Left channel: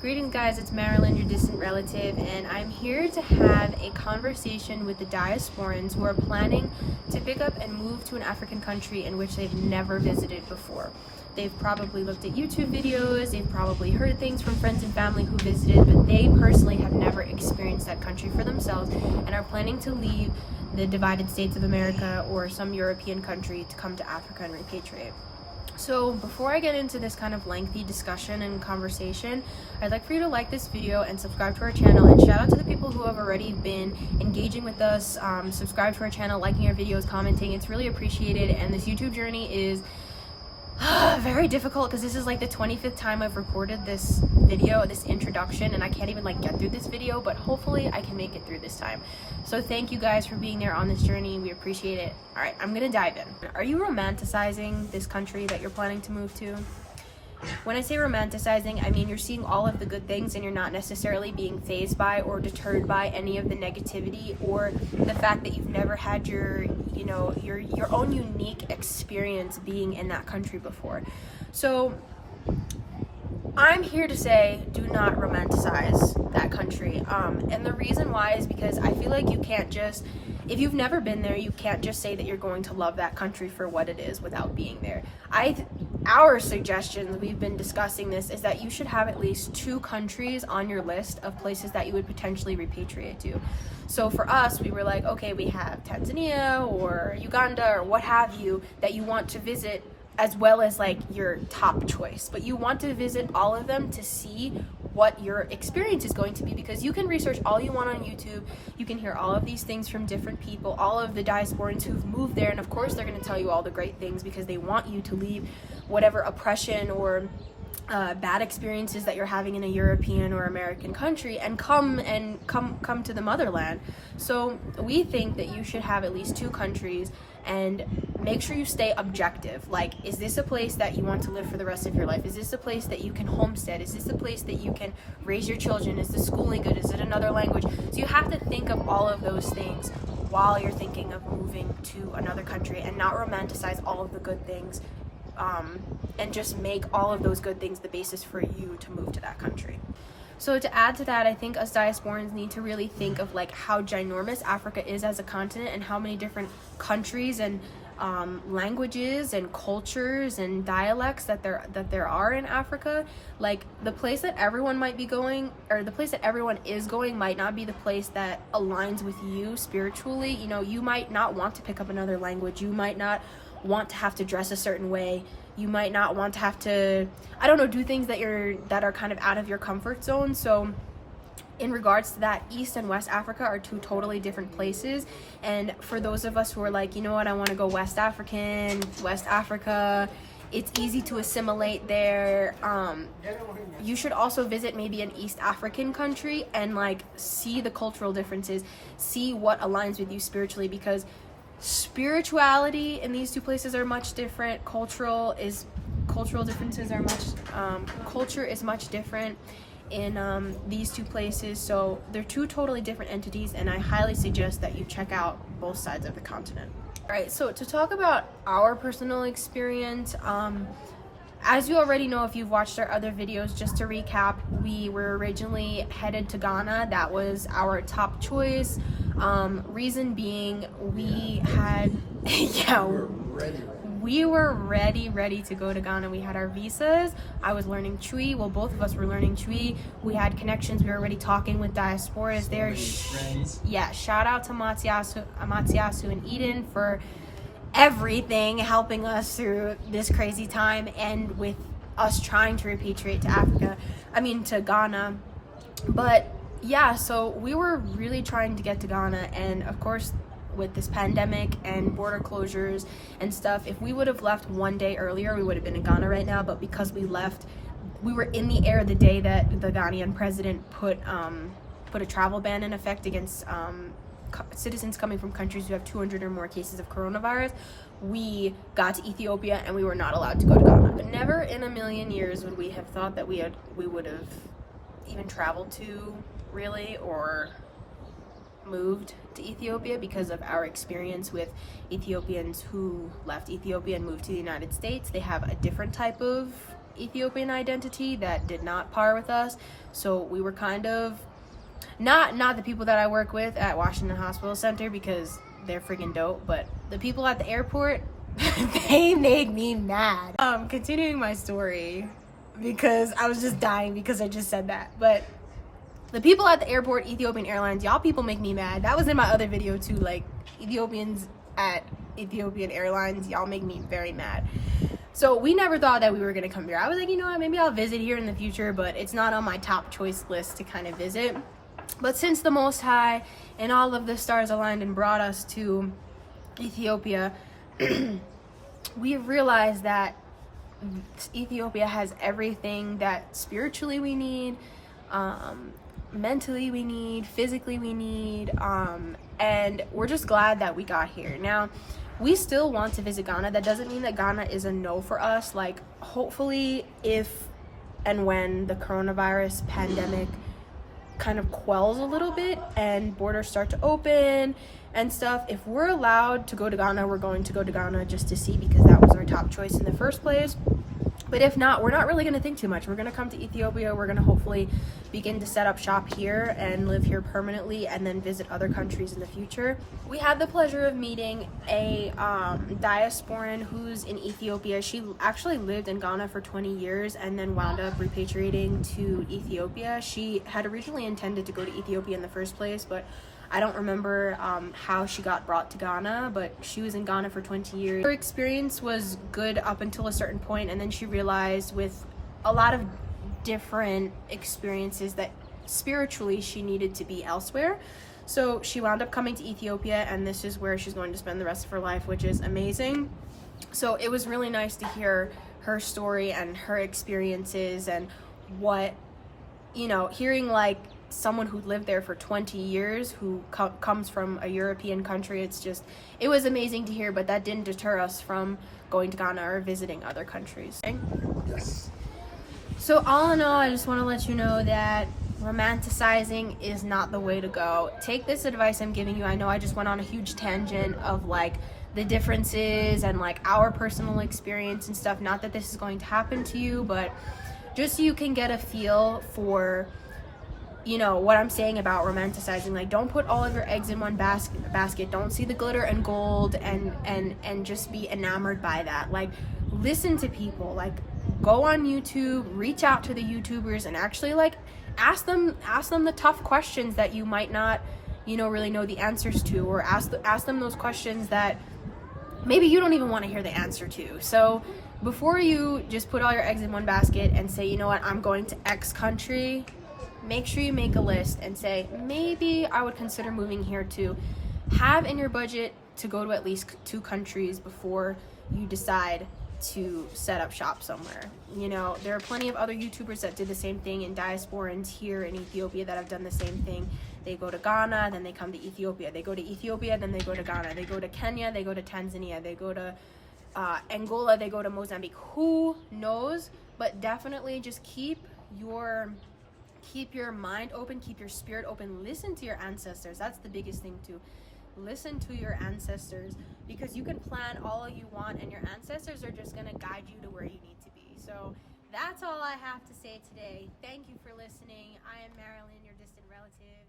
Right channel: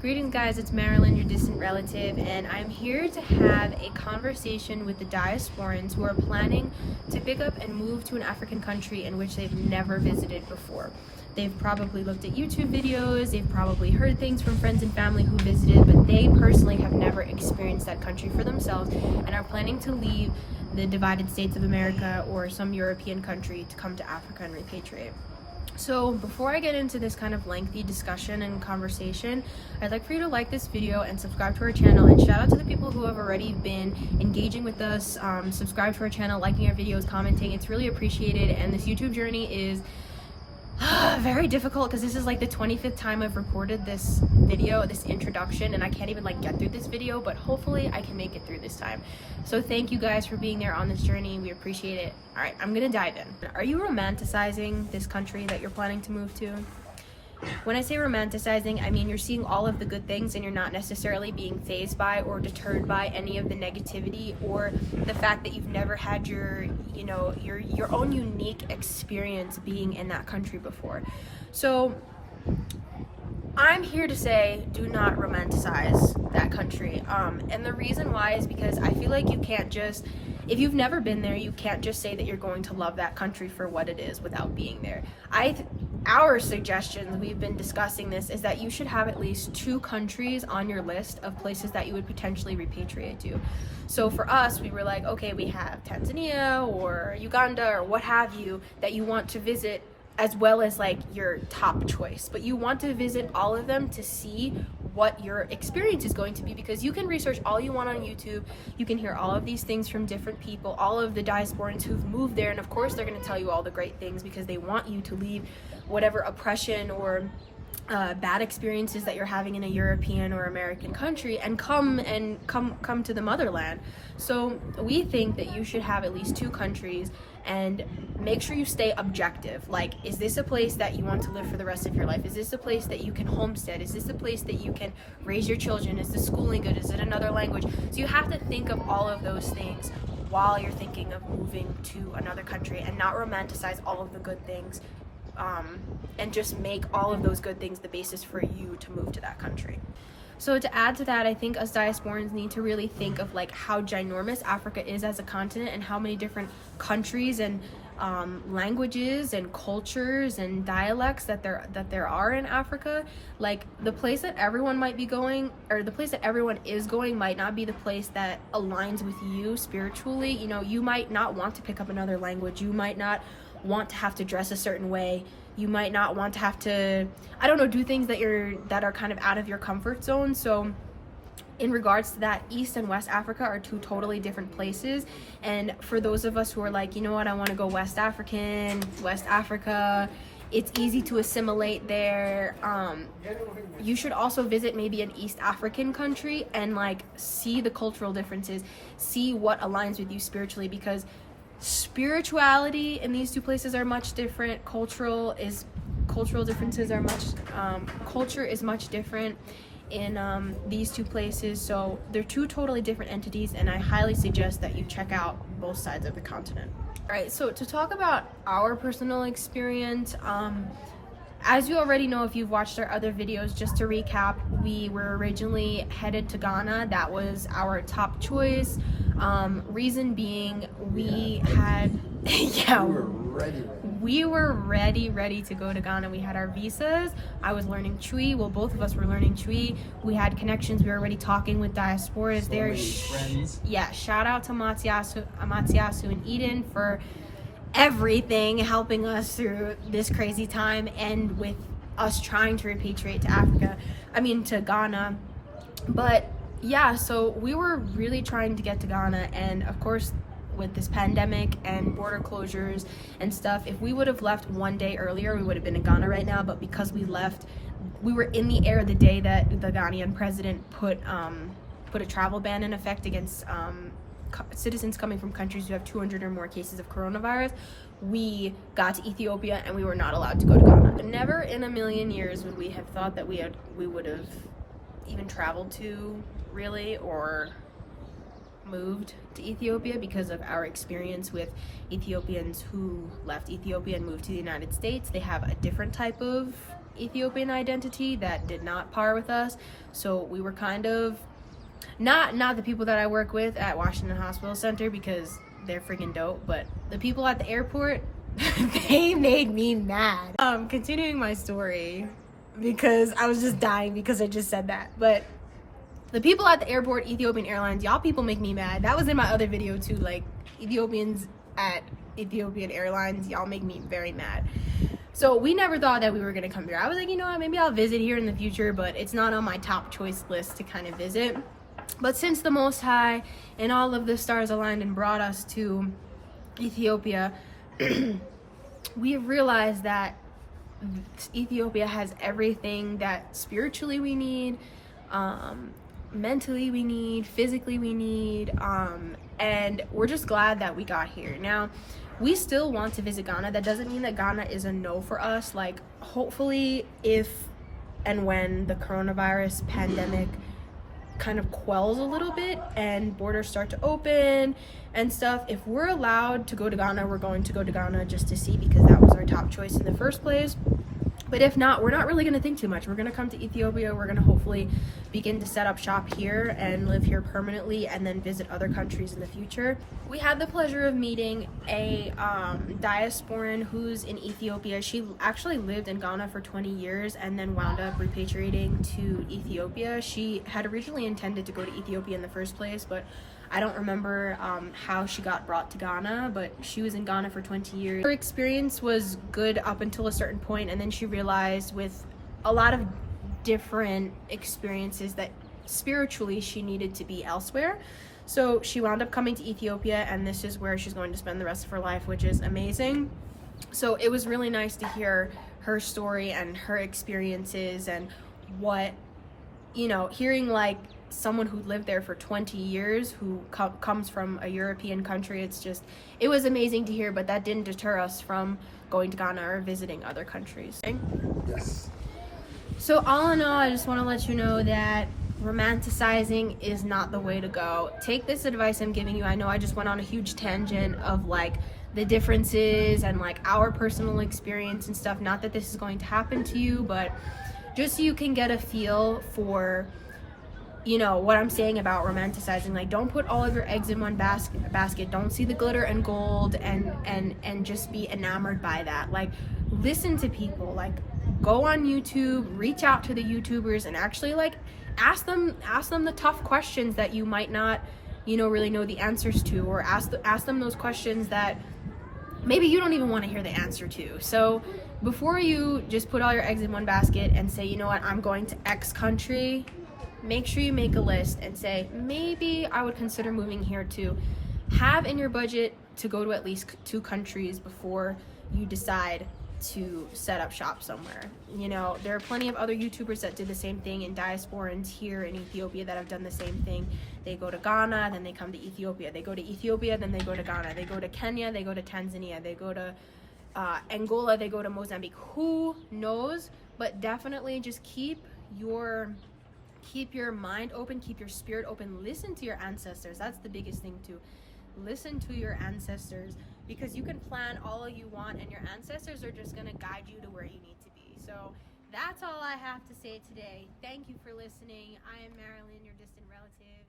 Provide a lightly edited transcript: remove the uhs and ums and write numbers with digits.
Greetings guys, it's Marilyn, your distant relative, and I'm here to have a conversation with the diasporans who are planning to pick up and move to an African country in which they've never visited before. They've probably looked at YouTube videos, they've probably heard things from friends and family who visited, but they personally have never experienced that country for themselves and are planning to leave the divided states of America or some European country to come to Africa and repatriate. So before I get into this kind of lengthy discussion and conversation, I'd like for you to like this video and subscribe to our channel, and shout out to the people who have already been engaging with us, subscribe to our channel, liking our videos, commenting. It's really appreciated, and this YouTube journey is very difficult because this is like the 25th time I've recorded this video, this introduction, and I can't even like get through this video, but hopefully I can make it through this time. So thank you guys for being there on this journey. We appreciate it. All right, I'm gonna dive in. Are you romanticizing this country that you're planning to move to? When I say romanticizing, I mean you're seeing all of the good things and you're not necessarily being fazed by or deterred by any of the negativity or the fact that you've never had your own unique experience being in that country before. So I'm here to say, do not romanticize that country. And the reason why is because I feel like you can't just, if you've never been there, you can't just say that you're going to love that country for what it is without being there. Our suggestion, we've been discussing this, is that you should have at least 2 countries on your list of places that you would potentially repatriate to. So for us, we were like, okay, we have Tanzania or Uganda or what have you that you want to visit, as well as like your top choice, but you want to visit all of them to see what your experience is going to be, because you can research all you want on YouTube, you can hear all of these things from different people, all of the diasporans who've moved there, and of course they're going to tell you all the great things because they want you to leave whatever oppression or bad experiences that you're having in a European or American country and come to the motherland. So we think that you should have at least 2 countries and make sure you stay objective. Like, is this a place that you want to live for the rest of your life? Is this a place that you can homestead? Is this a place that you can raise your children? Is the schooling good? Is it another language? So you have to think of all of those things while you're thinking of moving to another country, and not romanticize all of the good things, and just make all of those good things the basis for you to move to that country. So to add to that, I think us diasporans need to really think of like how ginormous Africa is as a continent, and how many different countries and languages and cultures and dialects that there are in Africa. Like, the place that everyone might be going, or the place that everyone is going, might not be the place that aligns with you spiritually. You know, you might not want to pick up another language, you might not want to have to dress a certain way, you might not want to have to, I don't know, do things that are kind of out of your comfort zone. So in regards to that, East and West Africa are 2 totally different places. And for those of us who are like, you know what, I want to go West Africa, it's easy to assimilate there. You should also visit maybe an East African country and like see the cultural differences, see what aligns with you spiritually, because spirituality in these 2 places are much different. Culture is much different in these 2 places. So they're 2 totally different entities, and I highly suggest that you check out both sides of the continent. All right, so to talk about our personal experience, as you already know if you've watched our other videos, just to recap, we were originally headed to Ghana. That was our top choice. Reason being, we had we were ready to go to Ghana. We had our visas. I was learning Chui. Well, both of us were learning Chui. We had connections. We were already talking with diasporas there. Shout out to Matsiasu and Eden for everything, helping us through this crazy time, and with us trying to repatriate to Ghana. But yeah, so we were really trying to get to Ghana, and of course with this pandemic and border closures and stuff, if we would have left 1 day earlier, we would have been in Ghana right now. But because we left, we were in the air the day that the Ghanaian president put a travel ban in effect against citizens coming from countries who have 200 or more cases of coronavirus. We got to Ethiopia and we were not allowed to go to Ghana. Never in a million years would we have thought that we would have even traveled to, really, or moved to Ethiopia, because of our experience with Ethiopians who left Ethiopia and moved to the United States. They have a different type of Ethiopian identity that did not par with us. So we were kind of not the people that I work with at Washington Hospital Center, because they're freaking dope, but the people at the airport, they made me mad. Continuing my story, because I was just dying because I just said that, but the people at the airport, Ethiopian Airlines, y'all people make me mad. That was in my other video too, like Ethiopians at Ethiopian Airlines, y'all make me very mad. So we never thought that we were gonna come here. I was like, you know what, maybe I'll visit here in the future, but it's not on my top choice list to kind of visit. But since the Most High and all of the stars aligned and brought us to Ethiopia, we realized that Ethiopia has everything that spiritually we need, mentally we need, physically we need, and we're just glad that we got here. Now, we still want to visit Ghana. That doesn't mean that Ghana is a no for us. Like, hopefully, if and when the coronavirus pandemic kind of quells a little bit and borders start to open and stuff, if we're allowed to go to Ghana, we're going to go to Ghana just to see, because that was our top choice in the first place. But if not, we're not really going to think too much. We're going to come to Ethiopia. We're going to hopefully begin to set up shop here and live here permanently, and then visit other countries in the future. We had the pleasure of meeting a diasporan who's in Ethiopia. She actually lived in Ghana for 20 years and then wound up repatriating to Ethiopia. She had originally intended to go to Ethiopia in the first place, but I don't remember how she got brought to Ghana, but she was in Ghana for 20 years. Her experience was good up until a certain point, and then she realized with a lot of different experiences that spiritually she needed to be elsewhere. So she wound up coming to Ethiopia, and this is where she's going to spend the rest of her life, which is amazing. So it was really nice to hear her story and her experiences, and what, you know, hearing like someone who lived there for 20 years who comes from a European country. It was amazing to hear, but that didn't deter us from going to Ghana or visiting other countries. Yes. So all in all, I just want to let you know that romanticizing is not the way to go. Take this advice I'm giving you. I know I just went on a huge tangent of like the differences and like our personal experience and stuff. Not that this is going to happen to you, but just so you can get a feel for, you know, what I'm saying about romanticizing. Like, don't put all of your eggs in one basket. Don't see the glitter and gold and just be enamored by that. Like, listen to people. Like, go on YouTube, reach out to the YouTubers, and actually like ask them the tough questions that you might not, you know, really know the answers to, or ask them those questions that maybe you don't even want to hear the answer to. So before you just put all your eggs in one basket and say, you know what, I'm going to X country, make sure you make a list and say, maybe I would consider moving here too. Have in your budget to go to at least 2 countries before you decide to set up shop somewhere. You know, there are plenty of other YouTubers that did the same thing, and diasporans here in Ethiopia that have done the same thing. They go to Ghana, then they come to Ethiopia. They go to Ethiopia, then they go to Ghana. They go to Kenya, they go to Tanzania. They go to Angola, they go to Mozambique. Who knows? But definitely just keep your mind open, keep your spirit open. Listen to your ancestors. That's the biggest thing too. Listen to your ancestors, because you can plan all you want and your ancestors are just going to guide you to where you need to be. So that's all I have to say today. Thank you for listening. I am Marilyn, your distant relative.